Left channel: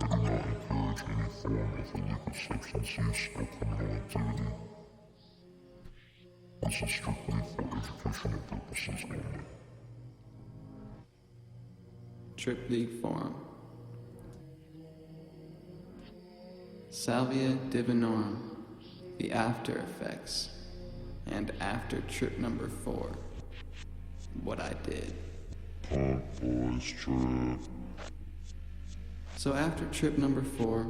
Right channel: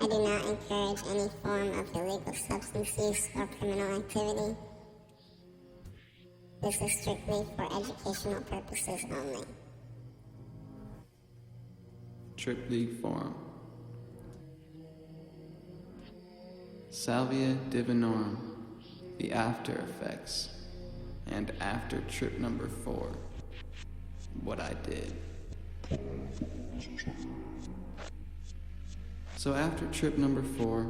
I do not encourage any form of illegal substance use or criminal activity. This is strictly for educational purposes only. Trip League Forum. Salvia Divinorum, the after effects, and after trip number 4, what I did. So after trip number 4,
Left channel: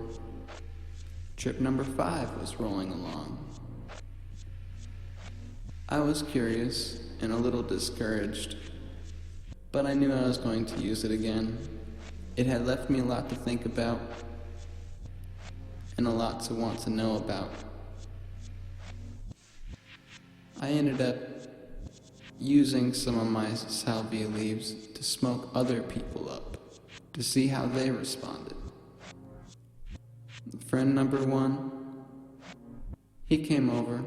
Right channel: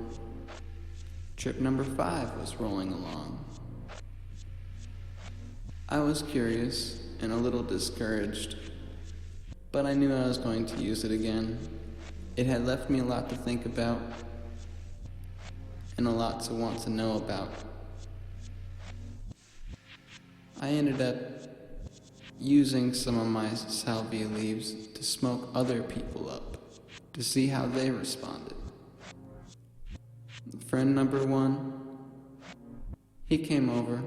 trip number 5 was rolling along. I was curious and a little discouraged, but I knew I was going to use it again. It had left me a lot to think about and a lot to want to know about. I ended up using some of my salvia leaves to smoke other people up, to see how they responded. Friend number 1, he came over.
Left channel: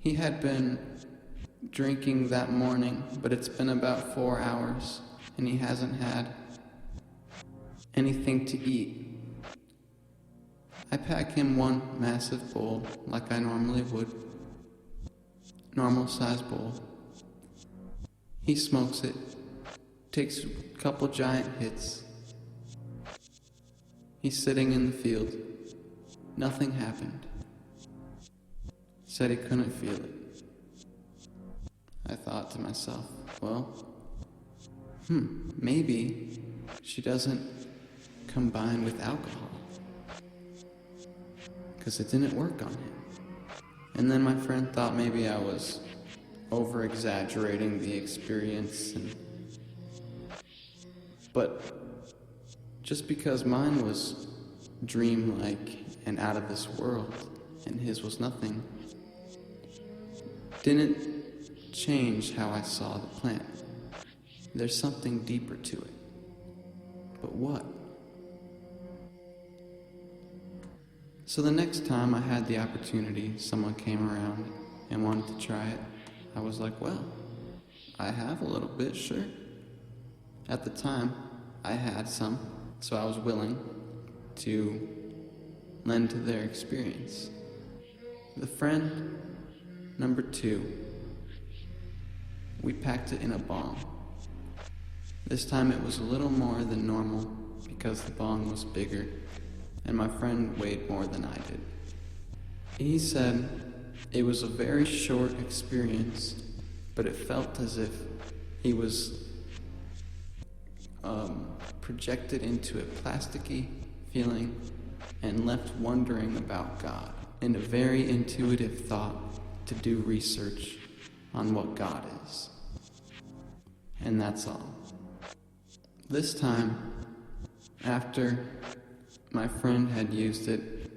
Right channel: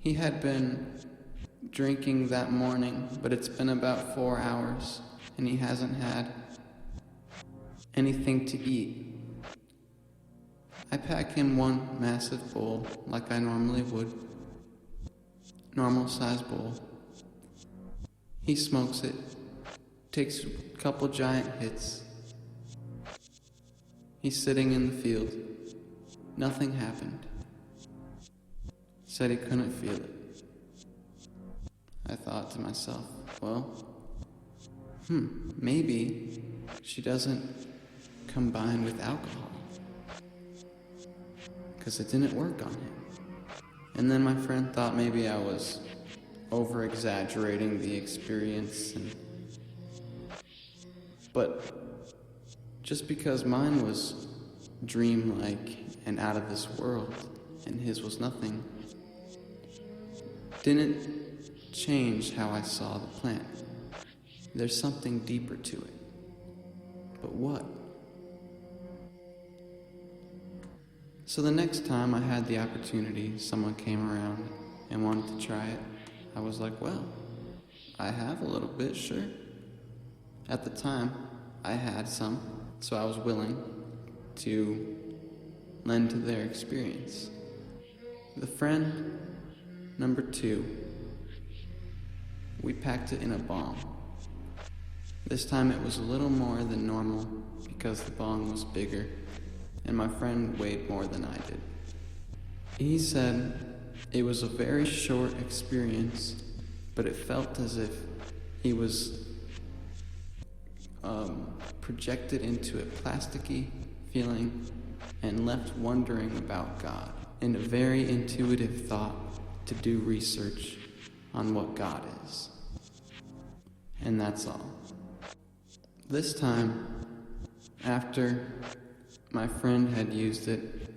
He had been drinking that morning, but it's been about 4 hours, and he hasn't had anything to eat. I pack him one massive bowl, like I normally would. Normal size bowl. He smokes it, takes a couple giant hits. He's sitting in the field. Nothing happened. Said he couldn't feel it. I thought to myself, well, maybe she doesn't combine with alcohol, because it didn't work on him. And then my friend thought maybe I was over-exaggerating the experience, but just because mine was dreamlike and out of this world, and his was nothing, didn't change how I saw the plant. There's something deeper to it. But what? So the next time I had the opportunity, someone came around and wanted to try it, I was like, well, I have a little bit, sure. At the time, I had some, so I was willing to lend to their experience. The friend number 2, we packed it in a bong. This time it was a little more than normal because the bong was bigger and my friend weighed more than I did. He said it was a very short experience, but it felt as if he was projected into a plasticky feeling and left wondering about God, and a very intuitive thought to do research on what God is. And that's all. This time, after my friend had used it,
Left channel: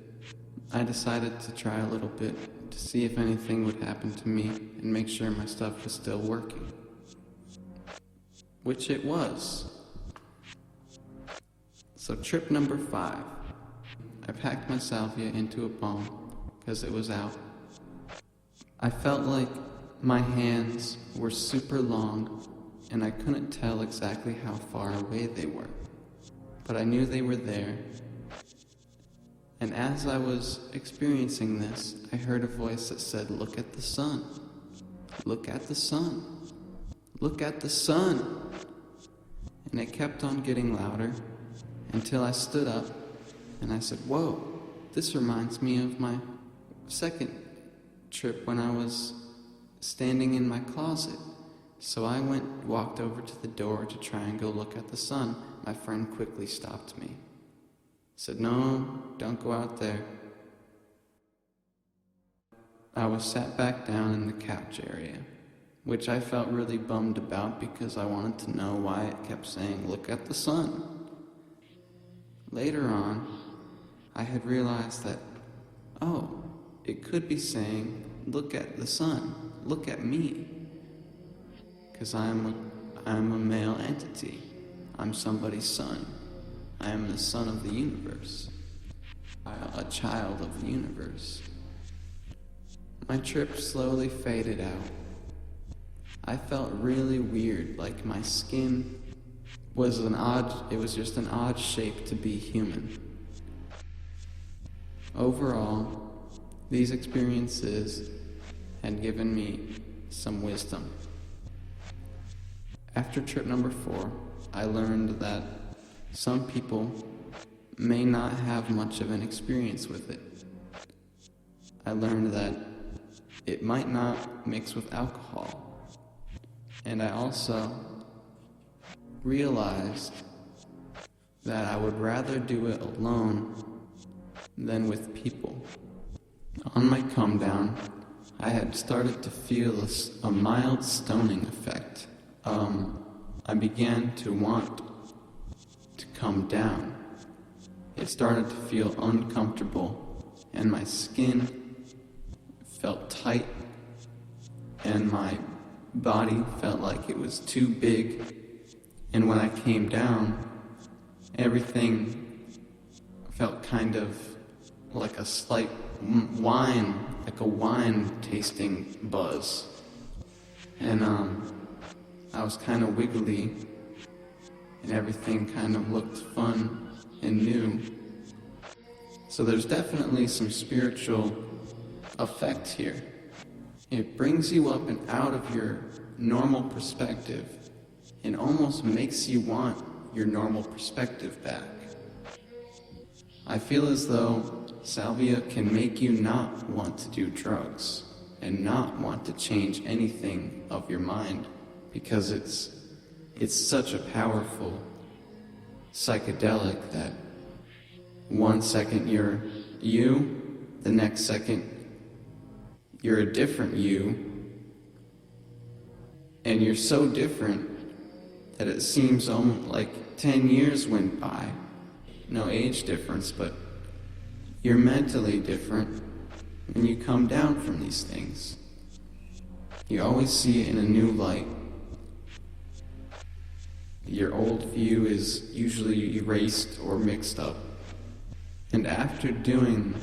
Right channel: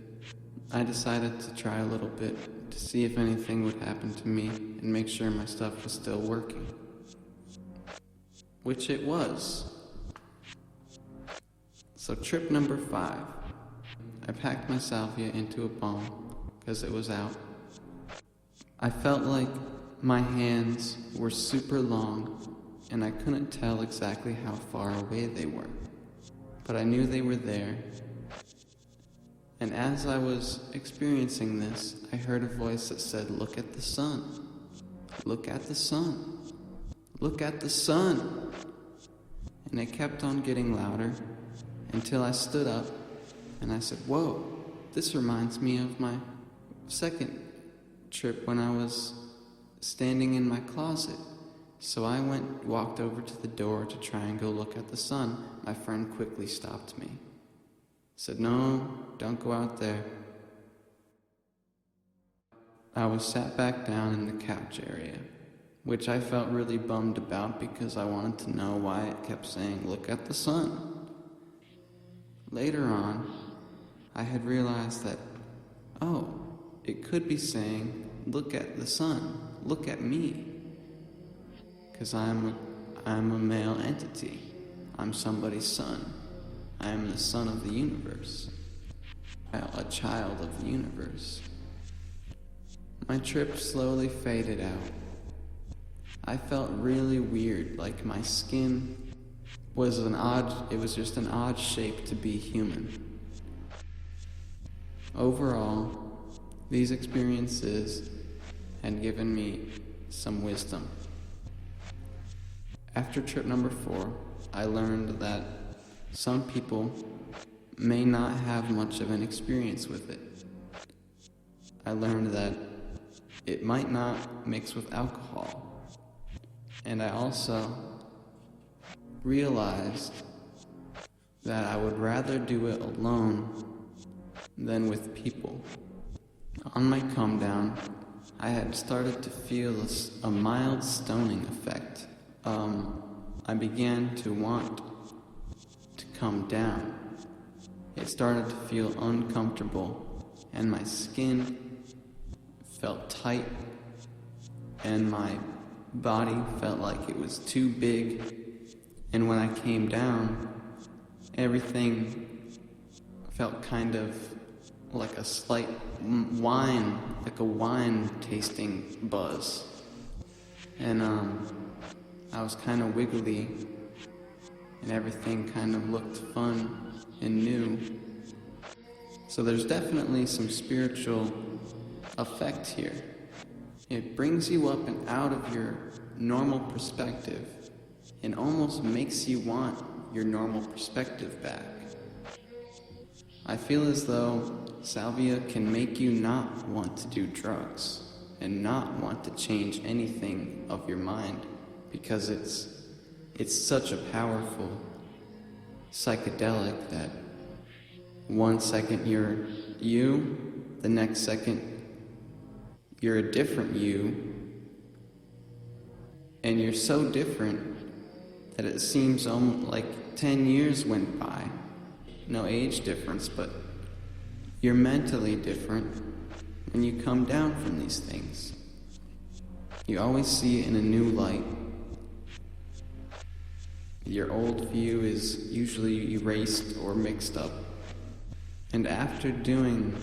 I decided to try a little bit to see if anything would happen to me and make sure my stuff was still working. Which it was. So trip number 5. I packed my salvia into a bong because it was out. I felt like my hands were super long and I couldn't tell exactly how far away they were, but I knew they were there. And as I was experiencing this, I heard a voice that said, "Look at the sun. Look at the sun. Look at the sun." And it kept on getting louder until I stood up and I said, "Whoa, this reminds me of my second trip when I was standing in my closet." So I walked over to the door to try and go look at the sun. My friend quickly stopped me. Said, "No, don't go out there." I was sat back down in the couch area, which I felt really bummed about because I wanted to know why it kept saying, "Look at the sun." Later on, I had realized that, it could be saying, "Look at the sun, look at me." Because I'm a male entity. I'm somebody's son. I am the son of the universe. I am a child of the universe. My trip slowly faded out. I felt really weird, like my skin it was just an odd shape to be human. Overall, these experiences had given me some wisdom. After trip number 4, I learned that some people may not have much of an experience with it. I learned that it might not mix with alcohol. And I also realized that I would rather do it alone than with people. On my come down, I had started to feel a mild stoning effect. I began to want to come down. It started to feel uncomfortable, and my skin felt tight, and my body felt like it was too big. And when I came down, everything felt kind of like a slight wine, like a wine tasting buzz. And I was kind of wiggly, and everything kind of looked fun and new. So there's definitely some spiritual effect here. It brings you up and out of your normal perspective and almost makes you want your normal perspective back. I feel as though Salvia can make you not want to do drugs and not want to change anything of your mind, because it's such a powerful psychedelic that one second you're you, the next second you're a different you, and you're so different that it seems almost like 10 years went by. No age difference, but you're mentally different when you come down from these things. You always see it in a new light. Your old view is usually erased or mixed up. And after doing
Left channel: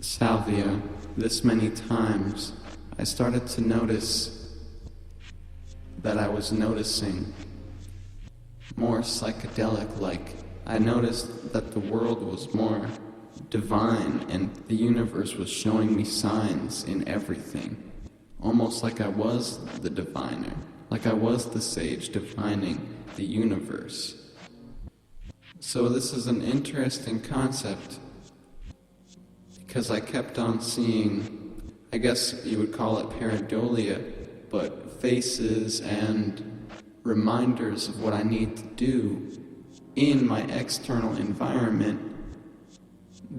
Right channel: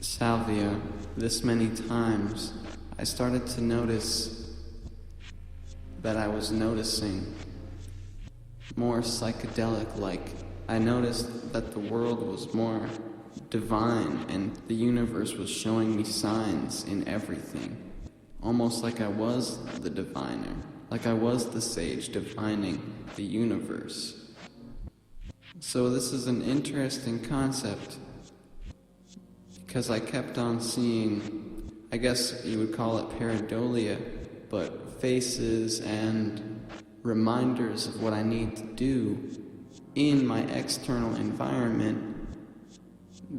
Salvia this many times, I started to notice that I was noticing more psychedelic-like. I noticed that the world was more divine, and the universe was showing me signs in everything. Almost like I was the diviner, like I was the sage divining the universe. So this is an interesting concept, because I kept on seeing, I guess you would call it pareidolia, but faces and reminders of what I need to do in my external environment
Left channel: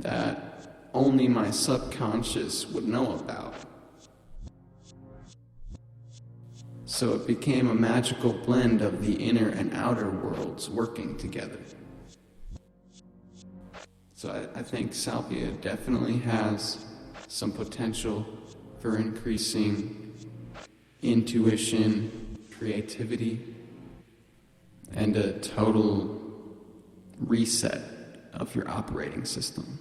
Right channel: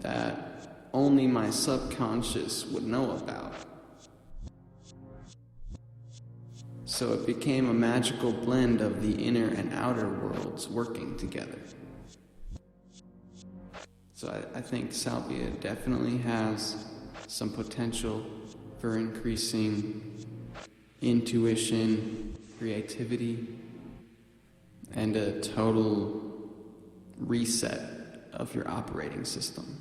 that only my subconscious would know about. So it became a magical blend of the inner and outer worlds working together. So I think Salvia definitely has some potential for increasing intuition, creativity, and a total reset of your operating system.